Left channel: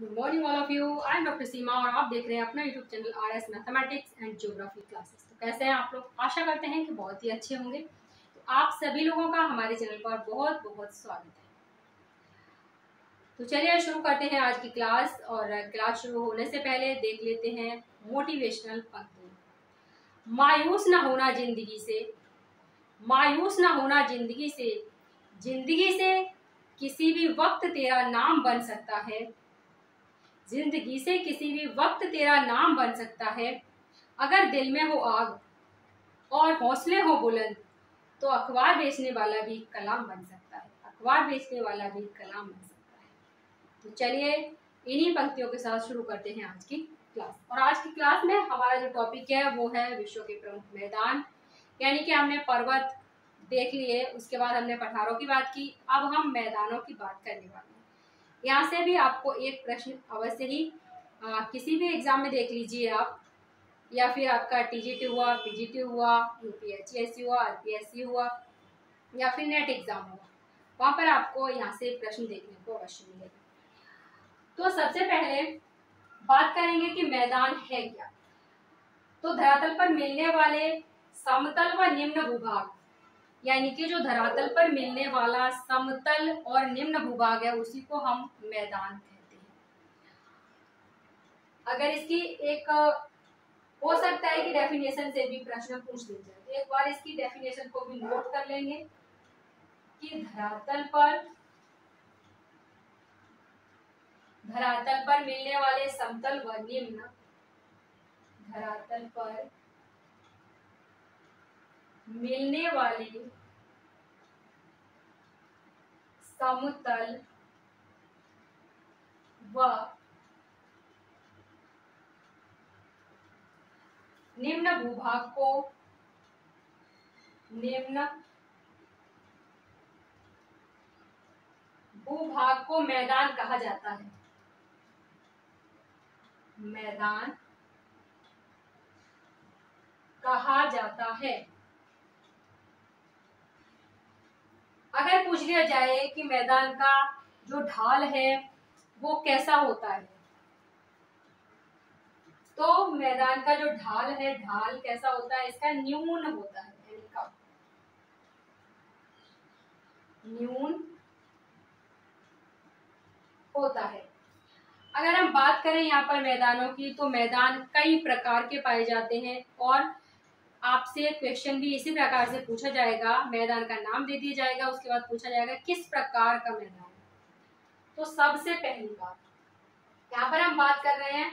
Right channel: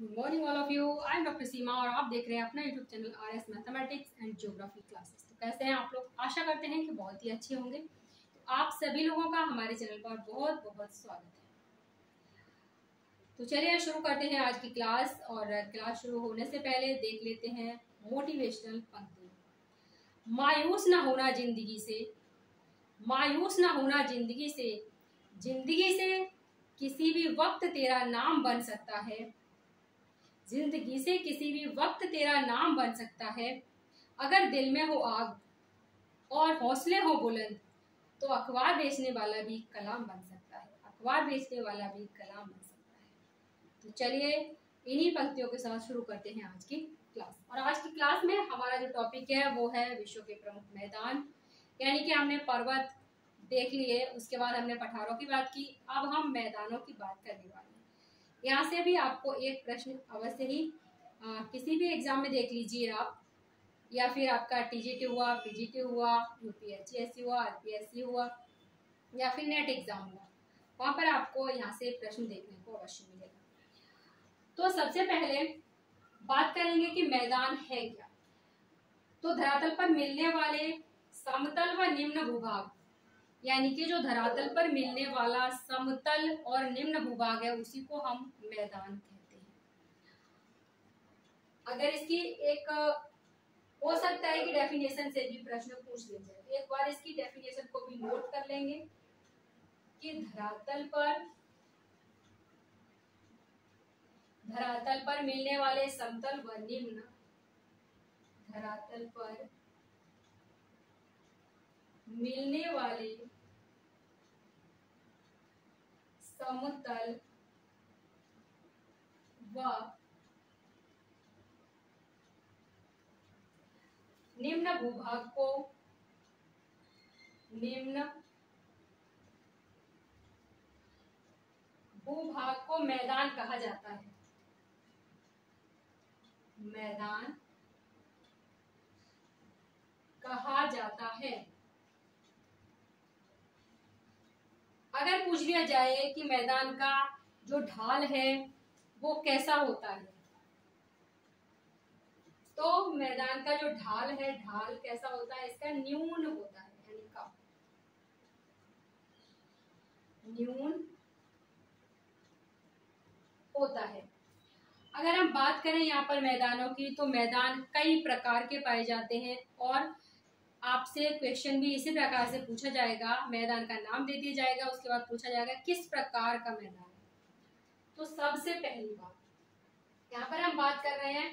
Good morning all of you. I am doctor Seema और आप देख रहे हैं अपना YouTube channel RS mathematics and geography classes. तो कैसे हैं आप लोग? आशा करते हैं कि बहुत ही अच्छे होंगे। तो आप सभी लोगों का हमारे चैनल पर बहुत बहुत स्वागत है। तो चलिए शुरू करते हैं आज की क्लास। और क्लास शुरू होने से पहले देख लेते हैं मोटिवेशनल पंक्ति। मायूस ना होना जिंदगी से, मायूस ना होना जिंदगी से, जिंदगी से किसी भी वक्त तेरा नाम बन सकता है, जिंदगी से किसी भी वक्त तेरा नाम बन सकता है। अगर दिल में हो आग और हौसले हो बुलंद तो अखबार बेचने वाला भी कलाम बन सकता है, अखबार बेचने वाला भी कलाम बन सकता है। तो चलिए इन्हीं पंक्तियों के साथ शुरू करते हैं आज की क्लास। और आज की क्लास में हमारा जो टॉपिक है वो है विश्व के प्रमुख मैदान। यानी कि हमने पर्वत देख लिए, उसके बाद हमने पठारों की बात की, अब हम मैदानों की बात करने वाले हैं। यहाँ से भी आपको एक प्रश्न अवश्य ही किसी भी एग्जाम में देख लीजिए आप, या फिर आपका टीजीटी हुआ, पीजीटी हुआ, यूपीएचएससी हुआ, आरपीएससी हुआ, या फिर नेट एग्जाम हुआ, वहां पर आपको यहाँ से प्रश्न देखने को अवश्य मिलेगा। तो सबसे पहले बात करेंगे कि मैदान है क्या। तो धरातल पर मिलने वाले समतल व निम्न भूभाग, यानी कि जो धरातल पर मिलने वाला समतल और निम्न भूभाग है उसी को हम मैदान कहते हैं। अगर इसकी एक हो सकता है कि डेफिनेशन से भी प्रश्न पूछ लिया जाए, तो एक बार इसकी डेफिनेशन को भी नोट कर लेंगे कि धरातल पर मिलने वाले समतल व निम्न, धरातल पर मिलने वाले समतल व निम्न भूभाग को मैदान कहा जाता है, मैदान कहा जाता है। अगर पूछ लिया जाए कि मैदान का जो ढाल है वो कैसा होता है, तो मैदान का जो ढाल है, ढाल कैसा होता है, इसका न्यून होता है, यानी कम, न्यून होता है। अगर हम बात करें यहाँ पर मैदानों की, तो मैदान कई प्रकार के पाए जाते हैं और आपसे क्वेश्चन भी इसी प्रकार से पूछा जाएगा। मैदान का नाम दे दिया जाएगा, उसके बाद पूछा जाएगा किस प्रकार का मैदान है। तो सबसे पहली बात यहाँ पर हम बात कर रहे हैं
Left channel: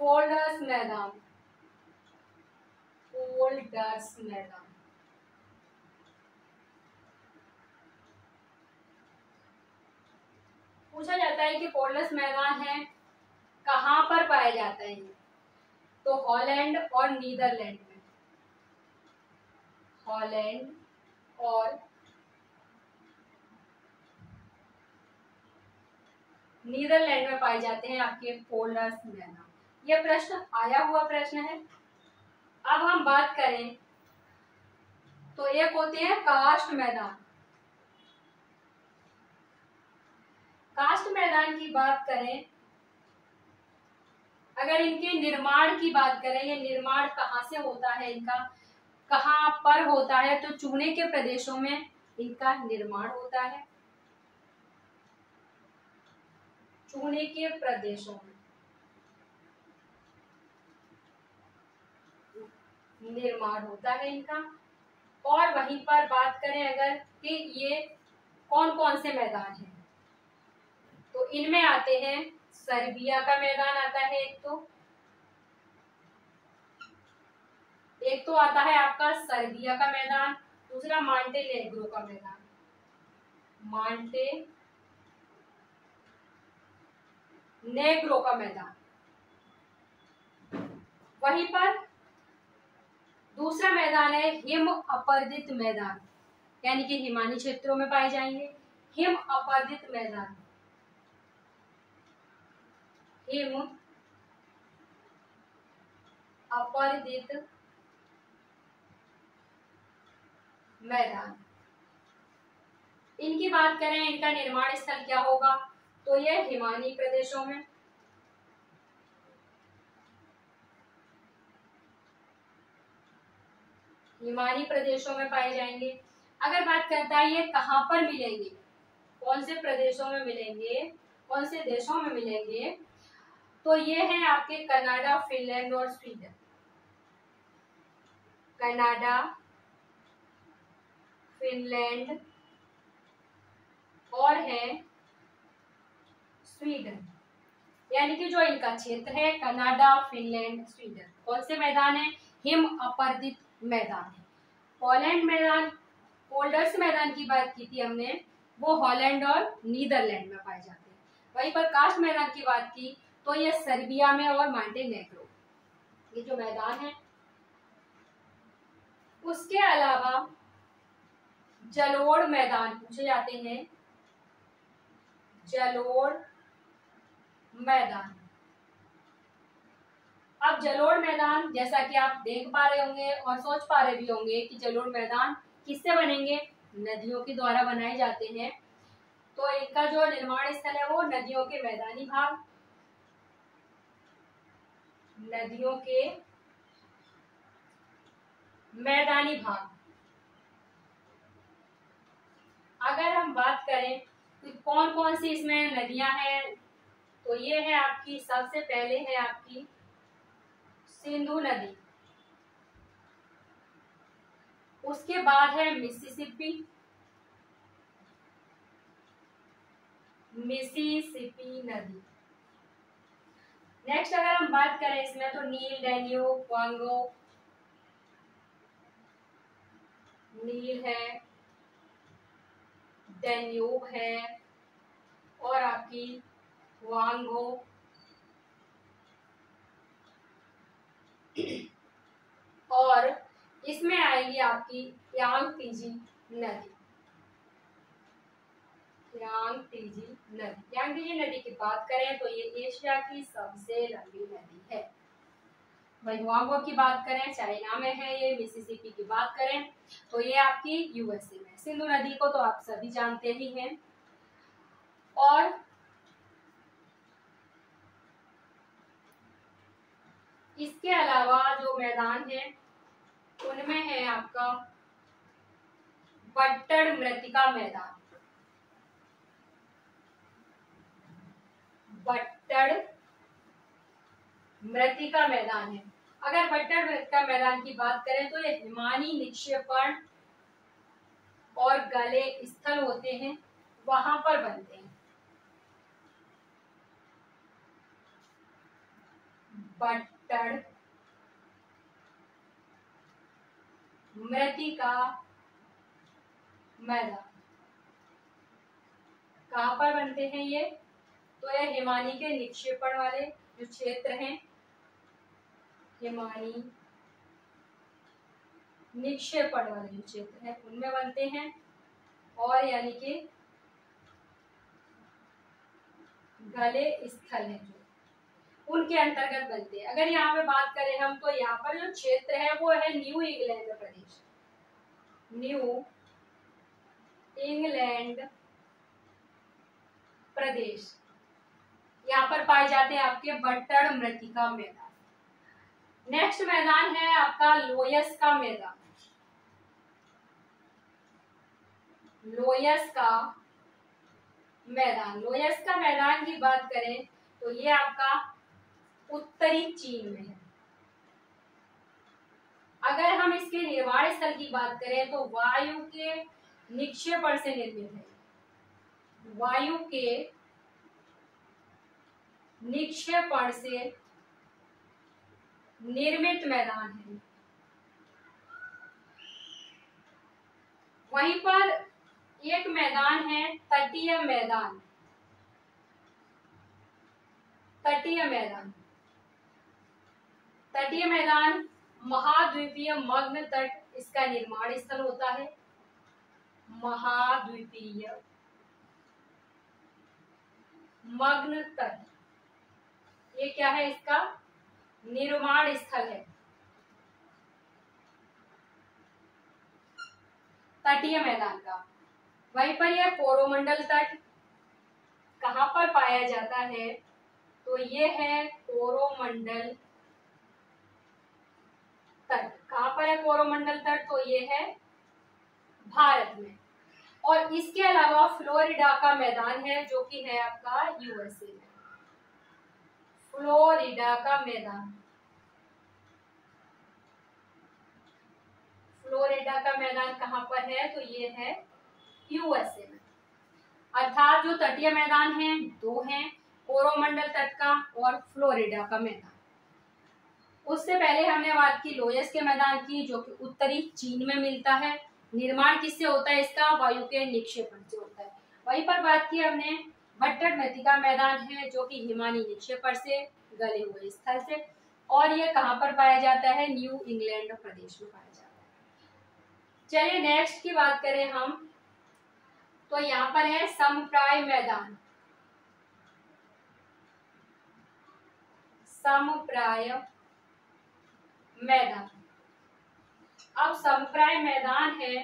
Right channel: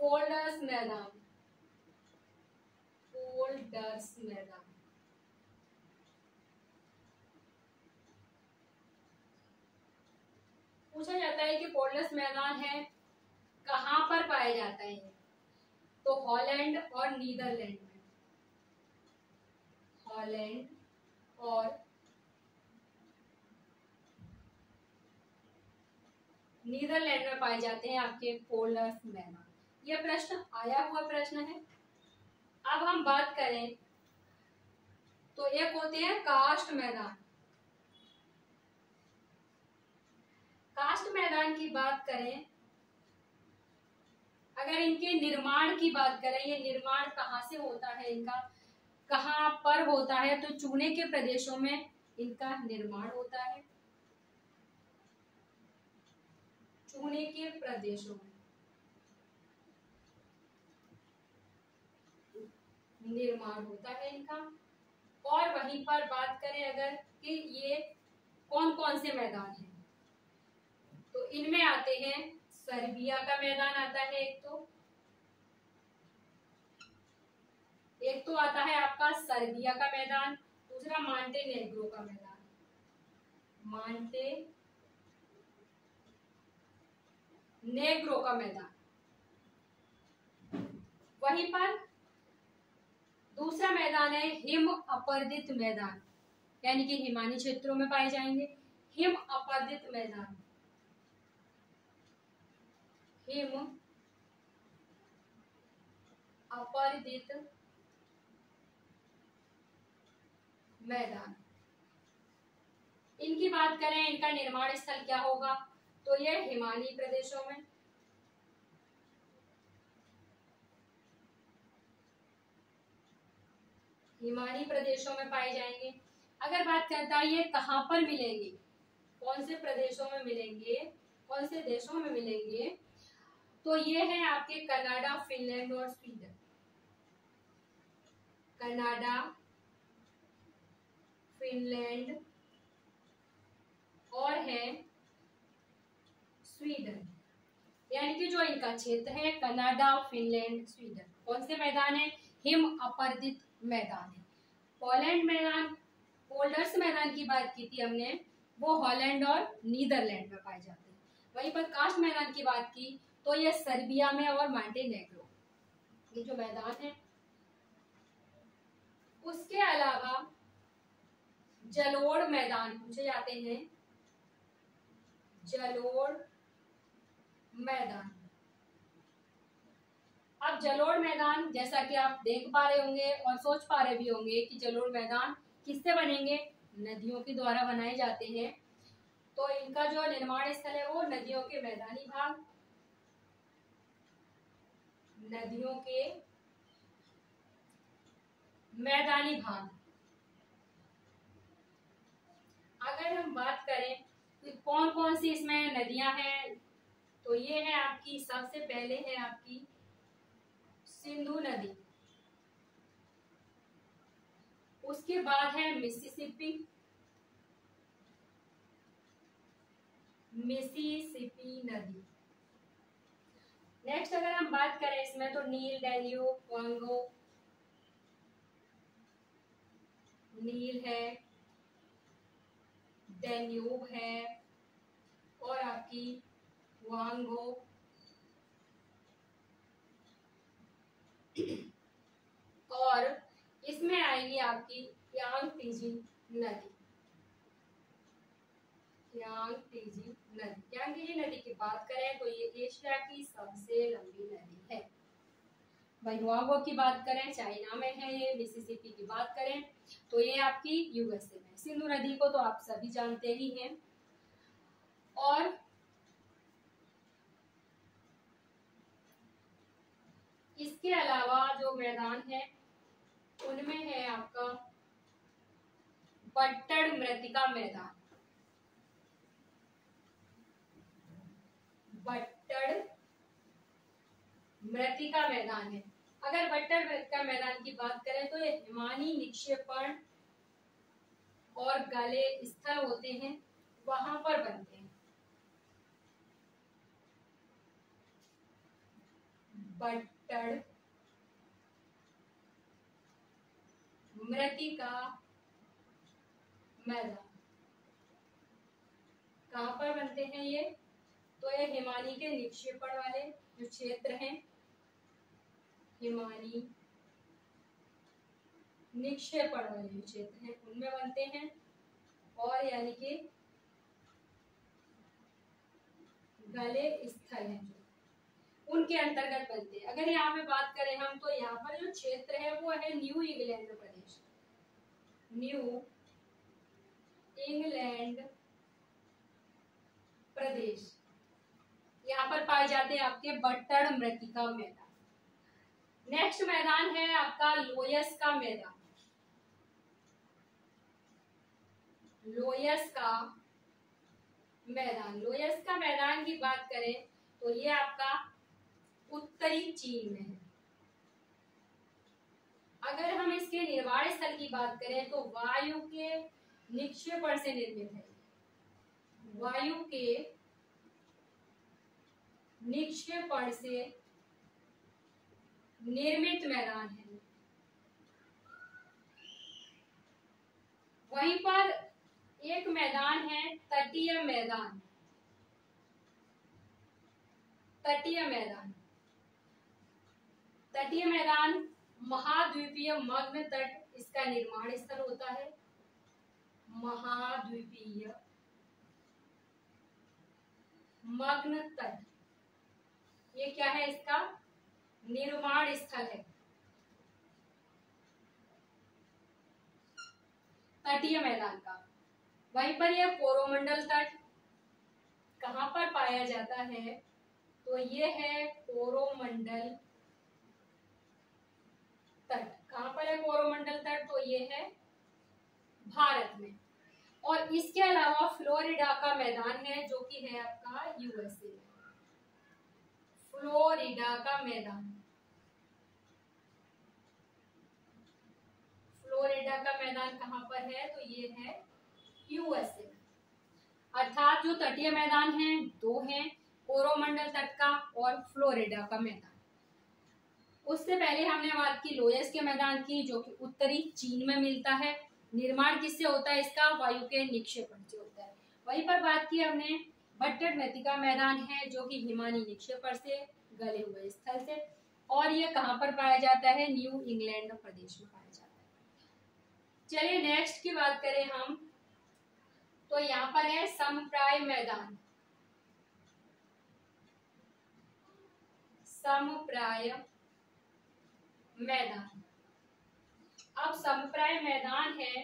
फोल्डर्स मैदान, फोल्डर्स मैदान। पूछा जाता है कि फोल्डर्स मैदान है कहाँ पर पाया जाता है, तो हॉलैंड और नीदरलैंड में, हॉलैंड और नीदरलैंड में पाए जाते हैं आपके फोल्डर्स मैदान। यह प्रश्न आया हुआ प्रश्न है। अब हम बात करें तो एक होते हैं कास्ट मैदान। कास्ट मैदान की बात करें, अगर इनके निर्माण की बात करें, ये निर्माण कहाँ से होता है, इनका कहाँ पर होता है, तो चूने के प्रदेशों में इनका निर्माण होता है, चूने के प्रदेशों में निर्माण होता है इनका। और वहीं पर बात करें अगर कि ये कौन कौन से मैदान हैं, तो इनमें आते हैं सर्बिया का मैदान आता है, एक तो आता है आपका सर्बिया का मैदान, दूसरा मांटेनेग्रो का मैदान, मांटेनेग्रो का मैदान। वहीं पर दूसरा मैदान है हिम अपर्दित मैदान, यानी कि हिमानी क्षेत्रों में पाए जाएंगे, हिम अपर्दित मैदान, हिम अपर्दित मैदान। इनकी बात करें, इनका निर्माण स्थल क्या होगा, तो ये हिमालयी प्रदेशों में, हिमालयी प्रदेशों में पाए जाएंगे। अगर बात करता है ये कहाँ पर मिलेंगे, कौन से प्रदेशों में मिलेंगे, कौन से देशों में मिलेंगे, तो ये है आपके कनाडा, फिनलैंड और स्वीडन। कनाडा, फिनलैंड और है स्वीडन। यानी कि जो इनका क्षेत्र है कनाडा, फिनलैंड, स्वीडन, कौन से मैदान है, हिम अपर्दित मैदान है। हॉलैंड मैदान, पोल्डर्स मैदान की बात की थी हमने, वो हॉलैंड और नीदरलैंड में पाए जाते हैं। वहीं पर कास्ट मैदान की बात की तो ये सर्बिया में और मॉन्टेनेग्रो, ये जो मैदान है। उसके अलावा जलोढ़ मैदान पूछे जाते हैं, जलोढ़ मैदान। अब जलोढ़ मैदान जैसा कि आप देख पा रहे होंगे और सोच पा रहे भी होंगे कि जलोढ़ मैदान किससे बनेंगे, नदियों के द्वारा बनाए जाते हैं। तो इनका जो निर्माण स्थल है वो नदियों के मैदानी भाग, नदियों के मैदानी भाग। अगर हम बात करें तो कौन कौन सी इसमें नदियां हैं, तो ये है आपकी, सबसे पहले है आपकी सिंधु नदी, उसके बाद है मिसिसिपी, मिसिसिपी नदी। नेक्स्ट अगर हम बात करें इसमें तो नील, डैन्यूब, कांगो, नील है, डैन्यूब है और आपकी वांगो और इसमें आएगी आपकी यांगतीजी नदी। यांगतीजी नदी, यांगतीजी नदी की बात करें तो ये एशिया की सबसे लंबी नदी है। वांगो की बात करें चाइना में है ये, मिसिसिपी की बात करें तो ये आपकी यूएसए में। सिंधु नदी को तो आप सभी जानते ही हैं। और इसके अलावा जो मैदान है उनमें है आपका बट्टड़ मृत्तिका मैदान, बट्टड़ मृत्तिका मैदान है। अगर बट्टड़ मृत्तिका मैदान की बात करें तो ये हिमानी निक्षेपण और गले स्थल होते हैं, वहां पर बनते हैं। बट्टड़ मृत्तिका मैदान कहाँ पर बनते हैं ये, तो ये हिमानी के निक्षेपण वाले जो क्षेत्र हैं, हिमानी निक्षेपण वाले जो क्षेत्र है उनमें बनते हैं। और यानी कि गले स्थल है जो उनके अंतर्गत बनते हैं। अगर यहाँ पे बात करें हम तो यहाँ पर जो क्षेत्र है वो है न्यू इंग्लैंड प्रदेश, न्यू इंग्लैंड प्रदेश, यहाँ पर पाए जाते हैं आपके बट्टड़ मृत्तिका मैदान। नेक्स्ट मैदान है आपका लोयस का मैदान, लोयस का मैदान। लोयस का मैदान की बात करें तो ये आपका उत्तरी चीन में है। अगर हम इसके निर्माण स्थल की बात करें तो वायु के निक्षेपण से निर्मित है, वायु के निक्षेपण से निर्मित मैदान है। वहीं पर एक मैदान है तटीय मैदान, तटीय मैदान। तटीय मैदान महाद्वीपीय मग्न तट इसका निर्माण स्थल होता है, महाद्वीपीय मग्न तट, ये क्या है, इसका निर्माण स्थल है, तटीय मैदान का। वहीं पर यह कोरोमंडल तट, कहाँ पर पाया जाता है, तो ये है कोरोमंडल तट। कहाँ पर है कोरोमंडल तट, तो ये है भारत में। और इसके अलावा फ्लोरिडा का मैदान है जो कि है आपका यूएसए में। फ्लोरिडा का मैदान, फ्लोरिडा का मैदान कहाँ पर है, तो ये है यूएसए में। अर्थात जो तटीय मैदान हैं दो हैं, कोरोमंडल तट का और फ्लोरिडा का मैदान। उससे पहले हमने बात की लोयस के मैदान की, जो कि उत्तरी चीन में मिलता है। निर्माण किससे होता है इसका, वायु के निक्षेपण से होता है। वहीं पर बात की हमने भट्टर नदी का मैदान है जो कि हिमानी निक्षेपण से गले हुए स्थल से, और ये कहाँ पर पाया जाता है, न्यू इंग्लैंड प्रदेश में पाया जाता है। चलिए नेक्स्ट की बात करें हम, तो यहाँ पर है समप्राय मैदान। समप्राय मैदान, अब समप्राय मैदान है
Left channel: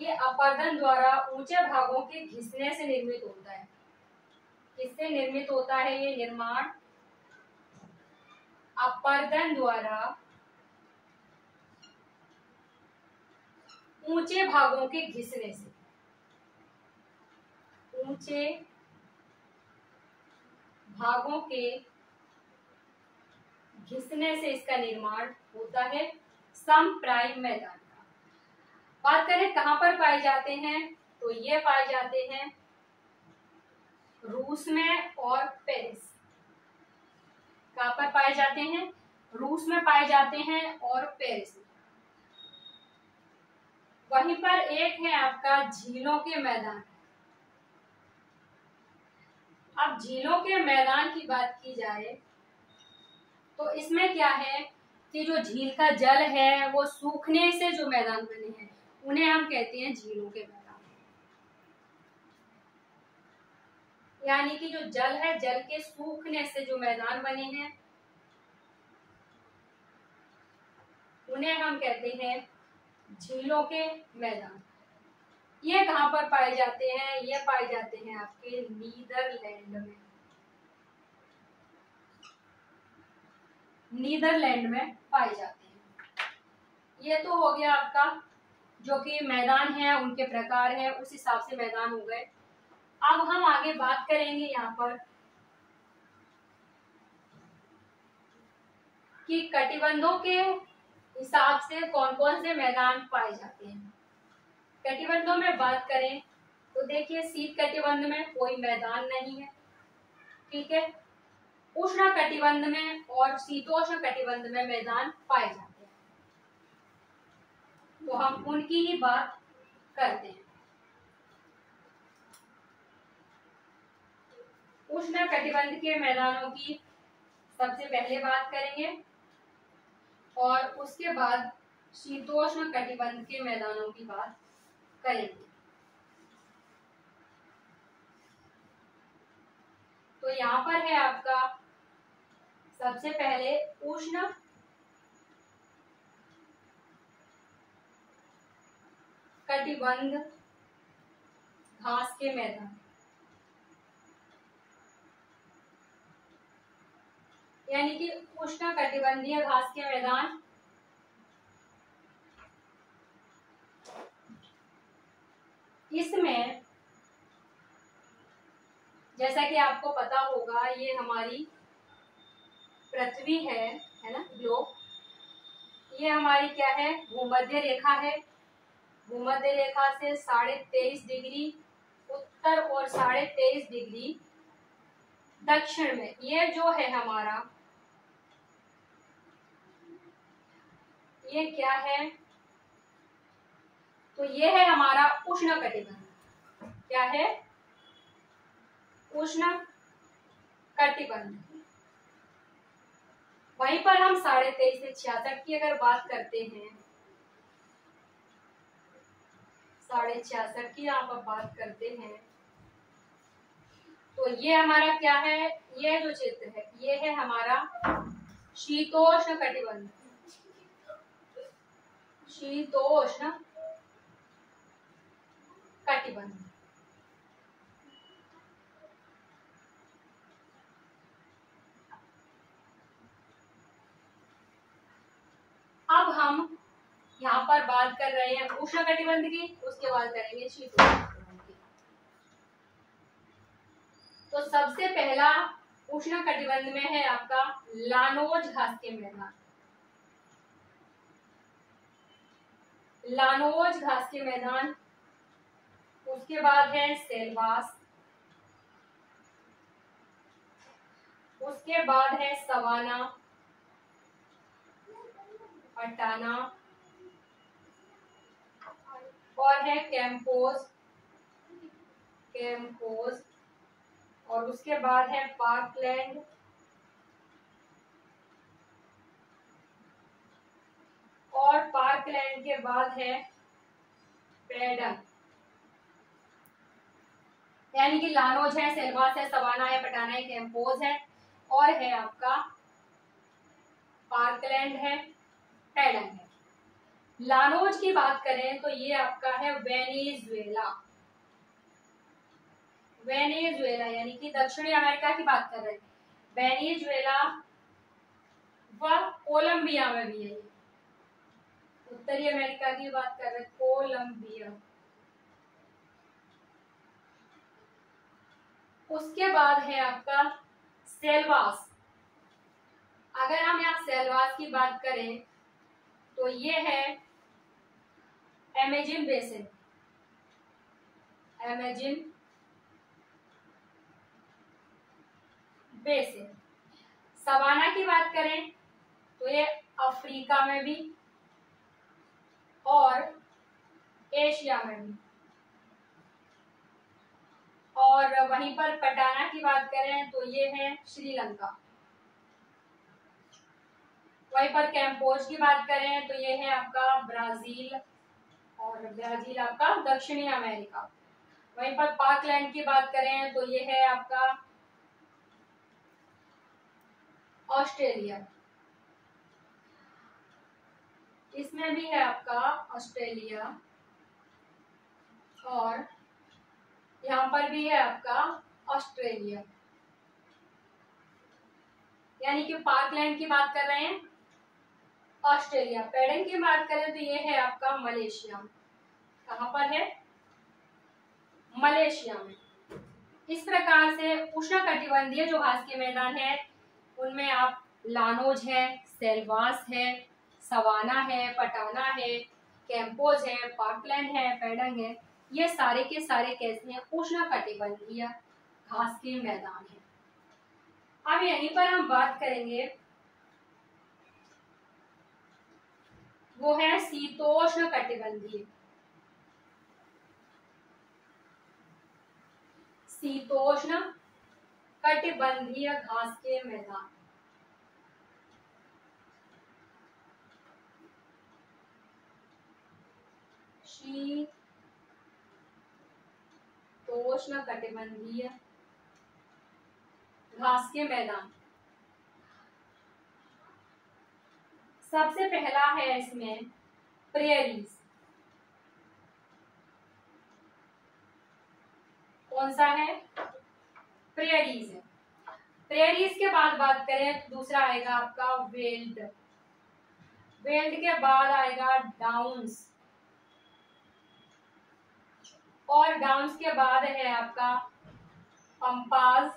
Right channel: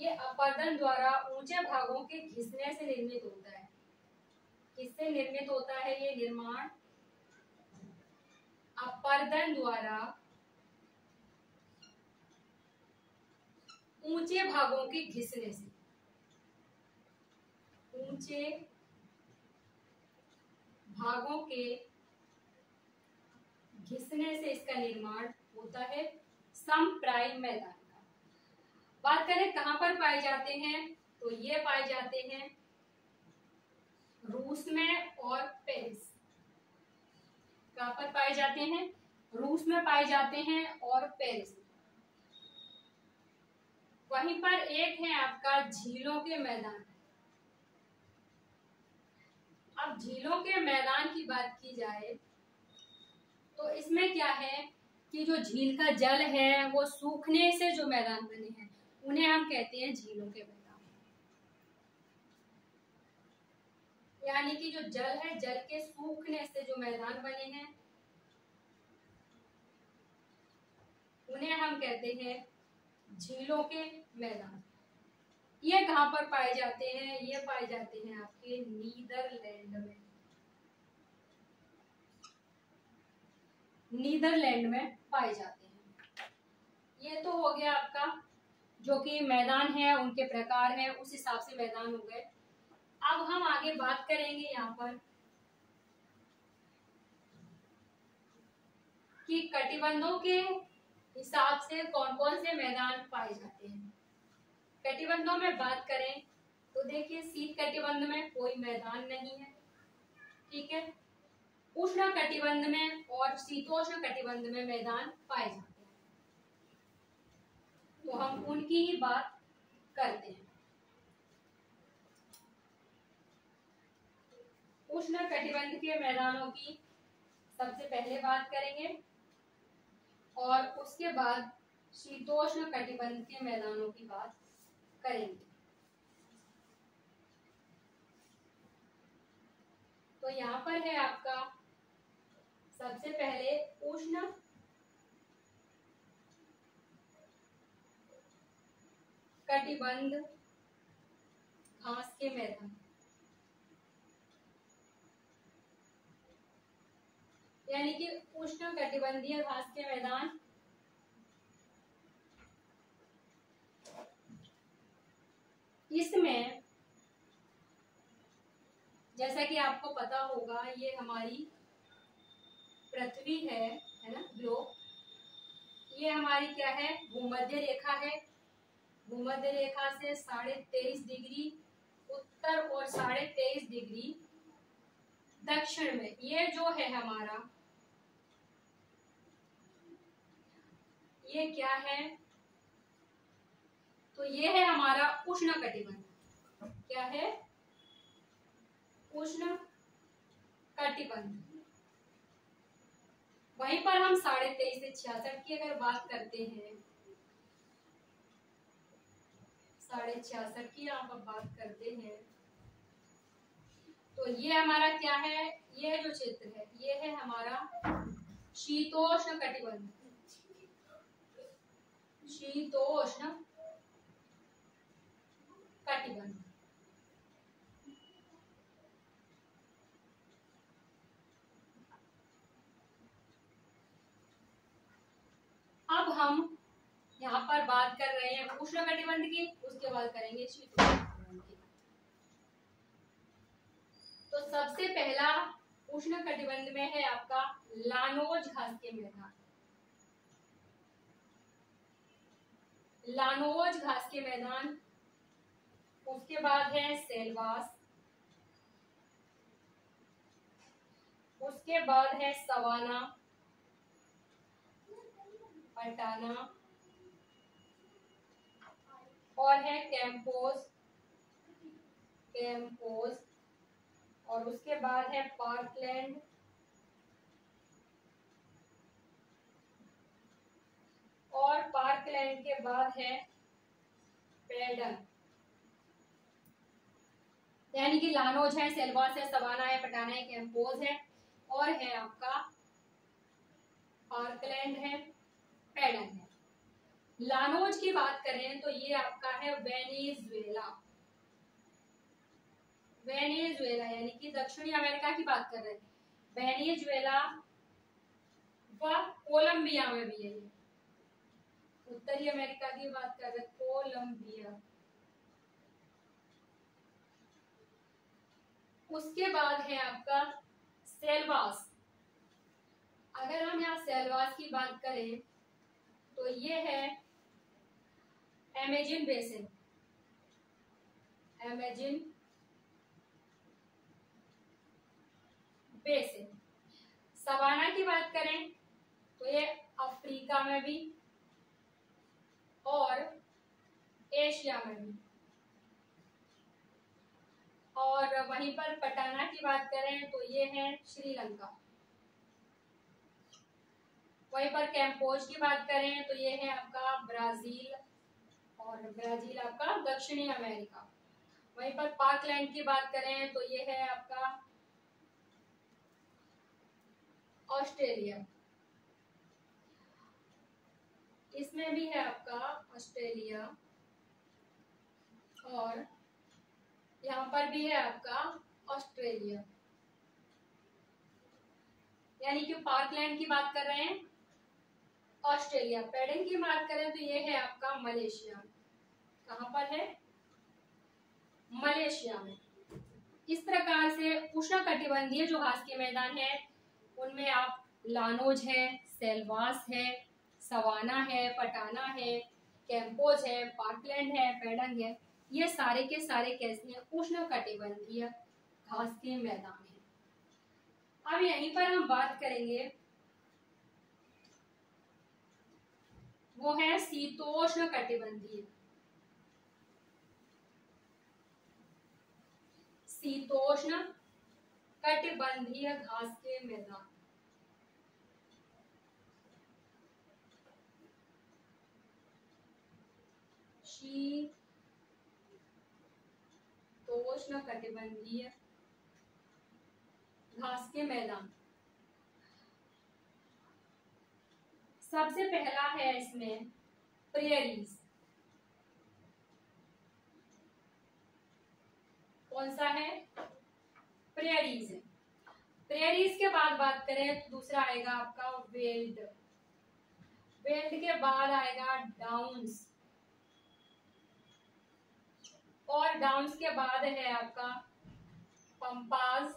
ये अपर्दन द्वारा ऊंचे भागों के घिसने से निर्मित होता है। किससे निर्मित होता है ये निर्माण, अपर्दन द्वारा ऊंचे भागों के घिसने से, ऊंचे भागों के घिसने से इसका निर्माण होता है समप्राय मैदान का। बात करें कहां पर पाए जाते हैं, तो ये पाए जाते हैं रूस में और पेरिस। कहां पर पाए जाते हैं, रूस में पाए जाते हैं और पेरिस में। वहीं पर एक है आपका झीलों के मैदान। अब झीलों के मैदान की बात की जाए तो इसमें क्या है कि जो झील का जल है वो सूखने से जो मैदान बने हैं उन्हें हम कहते हैं झीलों के मैदान। यानी कि जो जल है, जल के सूखने से जो मैदान बने हैं उन्हें हम कहते हैं झीलों के मैदान। ये कहां पर पाए जाते हैं, ये पाए जाते हैं आपके नीदरलैंड में। नीदरलैंड में पाए जाते हैं। ये तो हो गया आपका जो कि मैदान है उनके प्रकार है, उस हिसाब से मैदान हो गए। अब हम आगे बात करेंगे यहाँ पर कि कटिबंधों के हिसाब से कौन कौन से मैदान पाए जाते हैं। कटिबंधों में बात करें तो देखिए शीत कटिबंध में कोई मैदान नहीं है, ठीक है। उष्ण कटिबंध में और शीतोष्ण कटिबंध में मैदान पाए जाते हैं, तो हम उनकी ही बात करते हैं। उष्ण कटिबंध के मैदानों की सबसे पहले बात करेंगे और उसके बाद शीतोष्ण कटिबंध के मैदानों की बात करेंगे। तो यहाँ पर है आपका सबसे पहले उष्ण कटिबंध घास के मैदान। यानी कि उष्ण कटिबंधीय घास के मैदान इसमें जैसा कि आपको पता होगा ये हमारी पृथ्वी है ना, ग्लोब। ये हमारी क्या है, भूमध्य रेखा है। भूमध्य रेखा से 23.5 डिग्री उत्तर और 23.5 डिग्री दक्षिण में ये जो है हमारा, ये क्या है, तो ये है हमारा उष्ण कटिबंध। क्या है, उष्ण कटिबंध। वहीं पर हम 23.5 से 66 की अगर बात करते हैं, 66.5 की यहाँ पर बात करते हैं, तो ये हमारा क्या है, ये जो क्षेत्र है ये है हमारा शीतोष्ण कटिबंध। शीतोष्ण कटिबंध। बात कर रहे हैं उष्णकटिबंध की, उसके बाद करेंगे शीतोष्णकटिबंध की। तो सबसे पहला उष्णकटिबंध में है आपका लानोज घास के मैदान। लानोज घास के मैदान, उसके बाद है सेलवास, उसके बाद है सवाना, पटाना और है कैंपोज, और उसके बाद है पार्कलैंड, और पार्कलैंड के बाद है पैडन। यानी कि लानोज है, सेलवास है, सवाना है, पटाना है, कैंपोज है और है आपका पार्कलैंड है, पैडन है। लानोज की बात करें तो ये आपका है वेनेजुएला। वेनेजुएला यानी कि दक्षिणी अमेरिका की बात कर रहे हैं। वेनेजुएला व कोलंबिया में भी है। उत्तरी अमेरिका की बात कर रहे हैं, कोलंबिया। उसके बाद है आपका सेलवास। अगर हम यहाँ सेलवास की बात करें तो ये है Amazon basin. Amazon basin. Savanna की बात करें तो ये अफ्रीका में भी और एशिया में भी, और वहीं पर पटाना की बात करें तो ये है श्रीलंका। वहीं पर कैंपोज की बात करें तो ये है आपका ब्राजील, और ब्राजील आपका दक्षिणी अमेरिका। वहीं पर पार्कलैंड की बात करें तो ये है आपका ऑस्ट्रेलिया। इसमें भी है आपका ऑस्ट्रेलिया, और यहाँ पर भी है आपका ऑस्ट्रेलिया। यानी कि पार्कलैंड की बात कर रहे हैं ऑस्ट्रेलिया। पैडन की बात करें तो ये है आपका मलेशिया। कहाँ पर है? मलेशिया में। इस प्रकार से उष्णकटिबंधीय जो घास के मैदान है उनमें आप लानोज है, सेलवास है, सवाना है, पटाना है, कैंपोज है, पार्कलैंड है, पैडन है, ये सारे के सारे कैसे हैं? उष्णकटिबंधीय घास के मैदान है। अब यहीं पर हम बात करेंगे वो है शीतोष्ण कटिबंधीय। शीतोष्ण कटिबंधीय घास के मैदान। शीतोष्ण कटिबंधीय घास के मैदान। सबसे पहला है इसमें प्रेरीज। कौन सा है? प्रेरीज है। प्रेरीज के बाद बात करें तो दूसरा आएगा आपका वेल्ड। वेल्ड के बाद आएगा डाउन्स, और डाउन्स के बाद है आपका पंपास।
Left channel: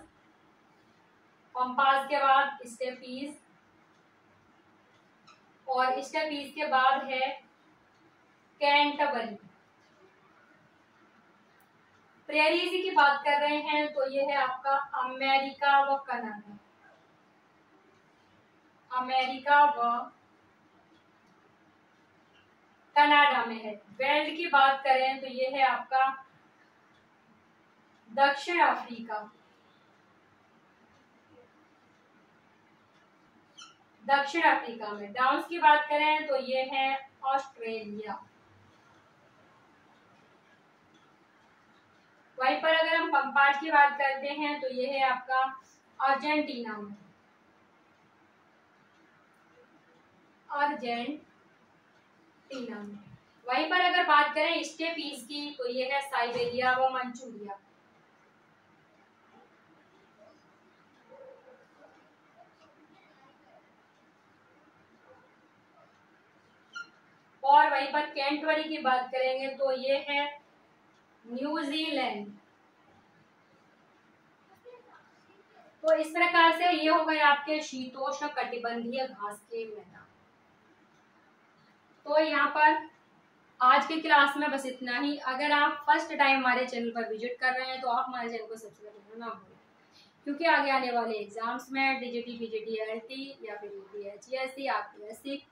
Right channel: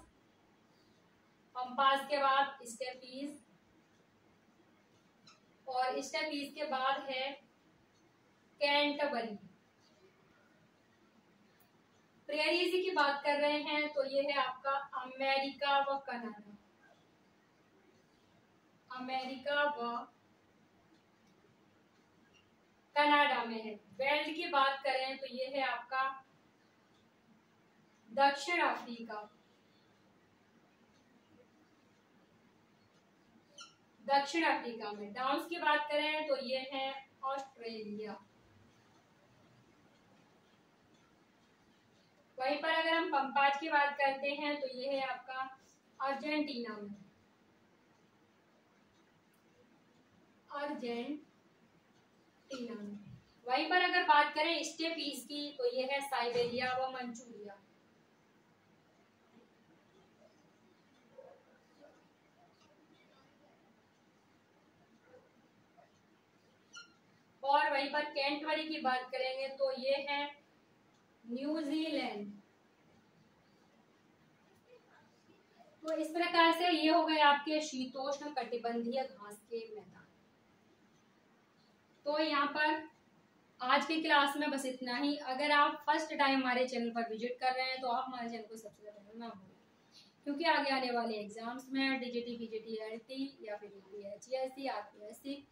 पंपास के बाद स्टेपीज, और स्टेपीज के बाद है कैंटरबरी। प्रेरीज की बात कर रहे हैं तो ये है आपका अमेरिका व कनाडा। अमेरिका व कनाडा में है। वेल्ड की बात करें तो ये है आपका दक्षिण अफ्रीका। दक्षिण अफ्रीका में। डाउन्स की बात करें तो ये है ऑस्ट्रेलिया। वहीं पर अगर हम पंपास की बात करते हैं तो ये है आपका अर्जेंटीना में। अर्जेंटीना में। वहीं पर अगर बात करें स्टेपीज की तो ये है साइबेरिया व मंचूरिया। और वहीं पर कैंटबरी की बात करेंगे तो ये है न्यूजीलैंड। तो इस प्रकार से ये हो गए आपके शीतोष्ण कटिबंधीय घास के मैदान। तो यहाँ पर आज की क्लास में बस इतना ही। अगर आप फर्स्ट टाइम हमारे चैनल पर विजिट कर रहे हैं तो आप हमारे चैनल को सब्सक्राइब करना ना भूलें, क्योंकि आगे आने वाले एग्जाम्स में डीजीटी, पीजीटी, एलटी या फिर यूपीएससी, आरपीएससी,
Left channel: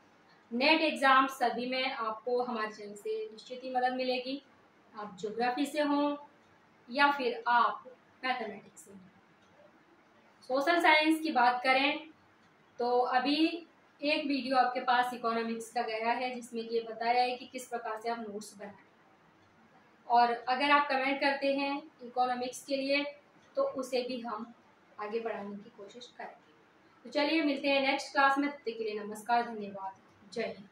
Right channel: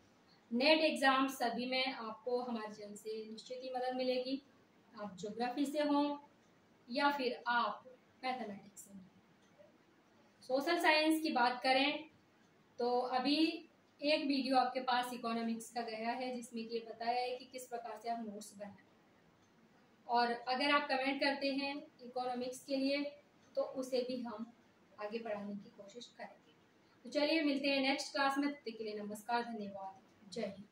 नेट एग्जाम सभी में आपको हमारे चैनल से निश्चित ही मदद मिलेगी। आप ज्योग्राफी से हों या फिर आप मैथमेटिक्स से। सोशल साइंस की बात करें तो अभी एक वीडियो आपके पास इकोनॉमिक्स का गया है जिसमें ये बताया है कि किस प्रकार से आप नोट्स बनाएं, और अगर आप कमेंट करते हैं इकोनॉमिक्स के लिए तो उसे भी हम आगे बढ़ाने की कोशिश करेंगे। तो चलिए मिलते हैं नेक्स्ट क्लास में, तब तक के लिए नमस्कार, धन्यवाद, जय हिंद।